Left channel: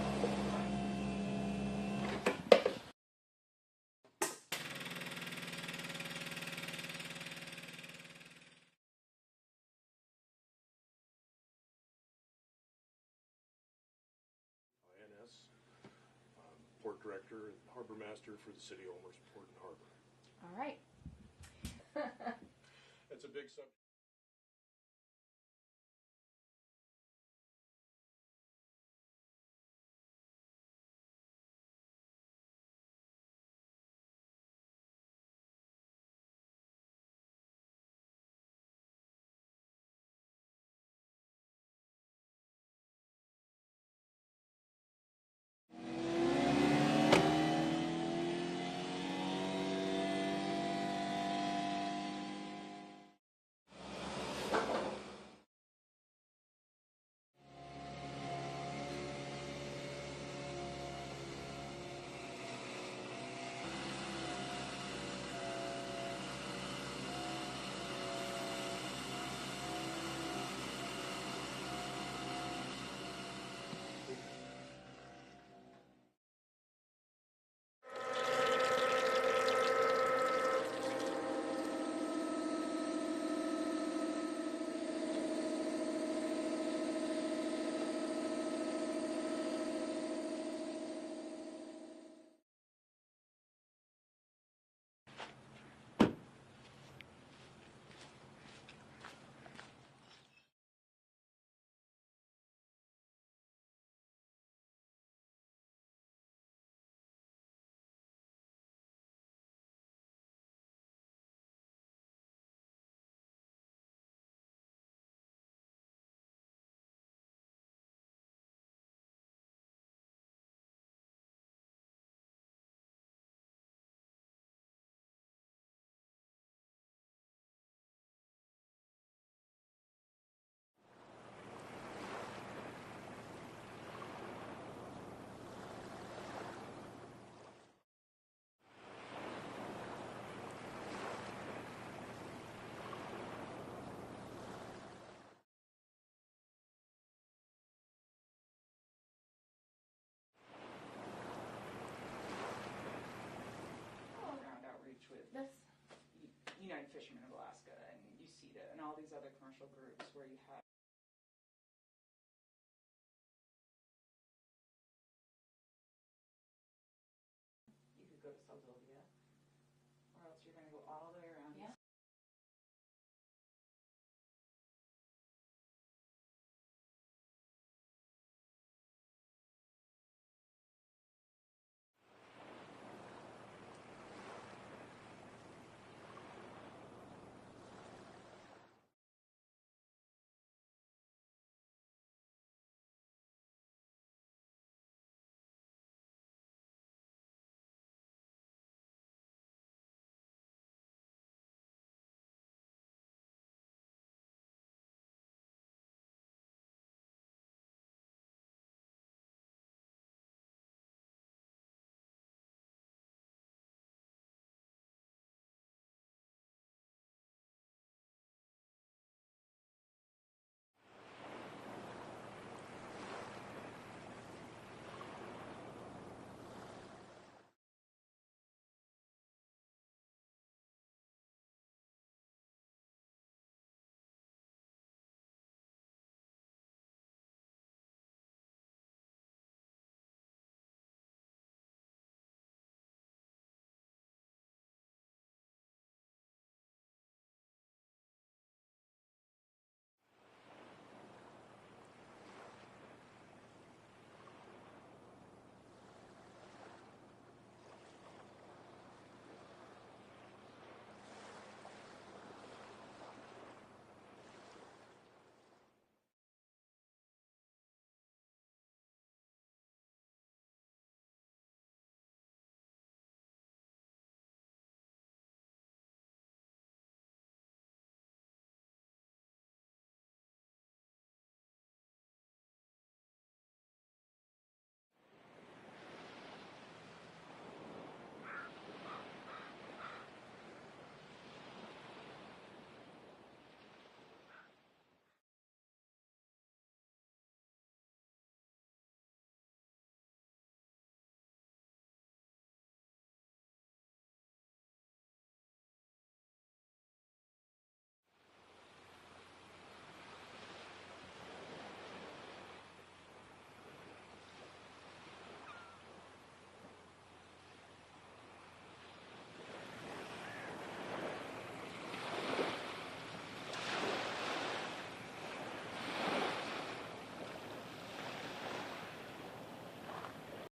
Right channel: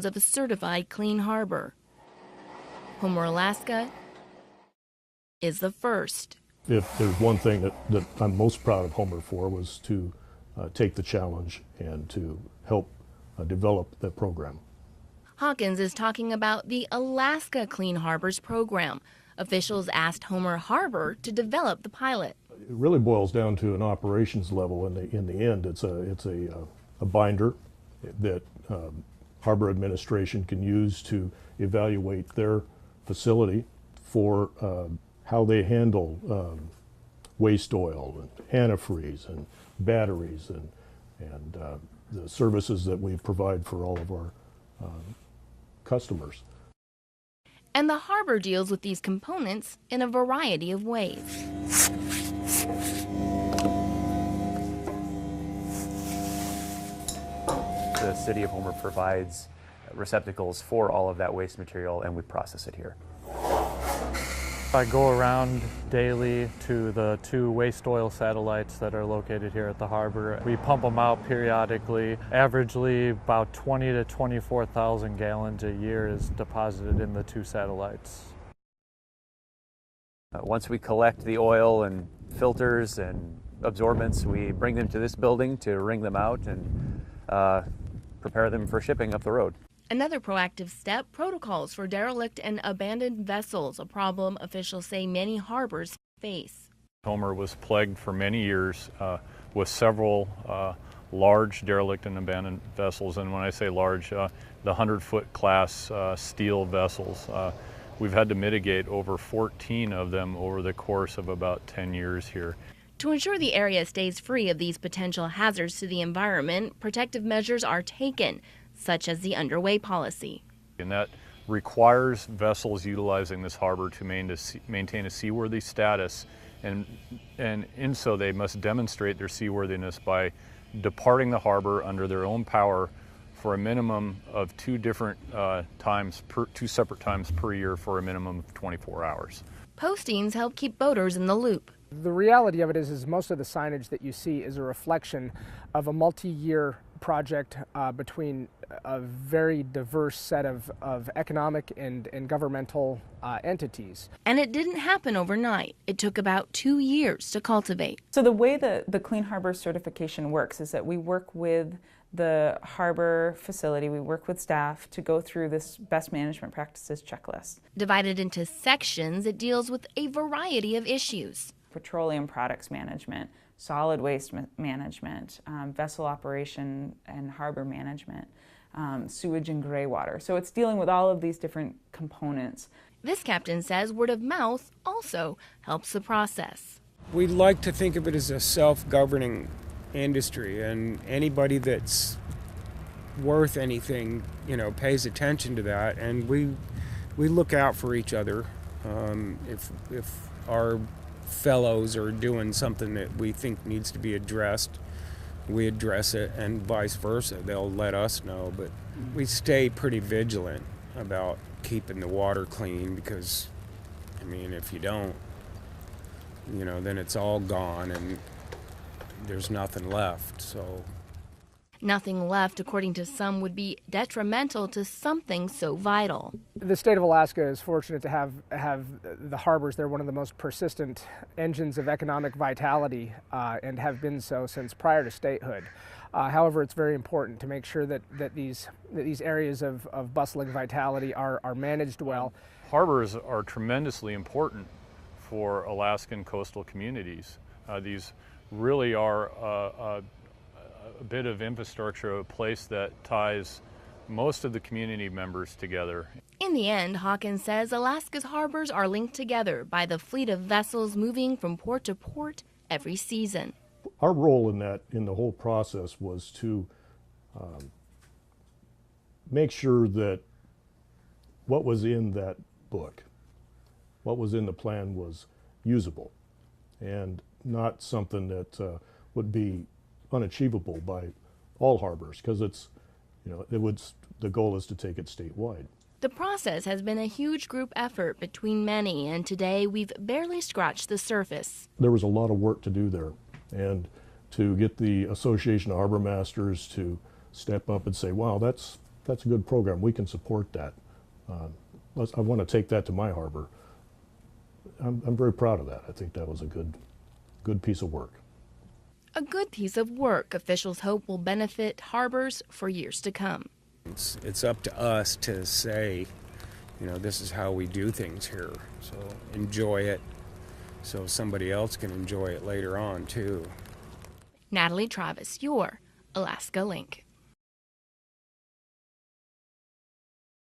pounds of a certified clean harbor. Homer, Alaska is the first. If there's one thing that I'm most proud of Homer for was to take the challenge and to help develop the program. Hawkins is talking about the Alaska Clean Harbors program. Officials asked Homer Harbor to develop the pilot. It really boils down to an operations level. In the end, it's a binder that Harbor Administration can use to evaluate their facility for how they handle waste oil and antifreeze and batteries and the services that we provide for all of our customers. And the harbor deals with these components in a variety of ways. The City of Homer provides receptacles for all of that waste material, and we process it here. I go around daily to the 2 waste oil satellites that are located here at the harbor. We pump them out periodically. Averagely, about 20 to 24,000 gallons a year is deposited in the 2 satellites. Once we collect the oil and filters and absorbents, we bring them to this building to wring them out and prepare them for shipping up the road. Another proactive step, protocols for derelict and abandoned vessels, a problem officials say many harbors face. Homer was plagued for many years with several large derelict and abandoned vessels, and when I say large, the 100-foot class steel vessels. We've had to mitigate over 14 of them over the course of about 10 years here. To ensure the area stays free of these potential hazards to the environment, protective measures are taken, such as the underway policy. And that requires vessels utilizing this harbor to maintain a seaworthy status, and in so they must demonstrate their seaworthiness by departing the harbor under their own power for a minimum of 2 separate times per year for a minimum of 24 hours. Postings help keep boaters in the loop. The reality of it is most of the signage that you see is a reflection of a multi-year project between a very diverse set of economic and governmental entities. And it didn't happen overnight. It took about 2 years to cultivate. So the way that the Clean Harbor certification works is that we work with the harbor facility, we work with staff to go through this best management practices checklist. Divided into sections, it deals with a variety of issues. Petroleum products management, solid waste management, vessel operation and harbor management, sewage and gray water. So it's dealing with all of these different components. This captain says word of mouth also helps the process. We like to think of it as a self-governing industry, and anybody that's worth anything, pays attention to that, and we look out for each other. If our fellows are doing something that we think needs to be addressed, we address it, and vice versa. They'll let us know, but we stay pretty vigilant about keeping the water clean, because if you don't, then it's all gone and there's nothing left. So nothing left, according to some, would be detrimental to something so vital. The state of Alaska is fortunate to have the harbors. They're one of the most persistent engines of economic vitality and have been so since prior to statehood. However, it's very important to make sure that these areas of bustling vitality are managed well. Harbors are tremendously important for Alaskan coastal communities. These really are a bit of infrastructure, a place that ties most of the community members together. In the end, Hawkins says Alaska's harbors are linked together by the fleet of vessels moving from port to port every season. Our role in the whole process was to make sure that what was in that book, what was in the plan, was usable and not something that would be unachievable by all harbors, because the goal is to take it statewide. The process has been a huge group effort between many, and today we've barely scratched the surface. There was a lot of work to do there, and to get the Association of Harbor Masters to step up and say, wow, that's that's a good program. We can support that. I want to take that to my harbor. I'm very proud of that. I think that was a good piece of work. A good piece of work officials hope will benefit harbors for years to come. It's up to us to say, you know, this is how we do things here. So enjoy it so somebody else can enjoy it later on too. Natalie Travis, your Alaska Link.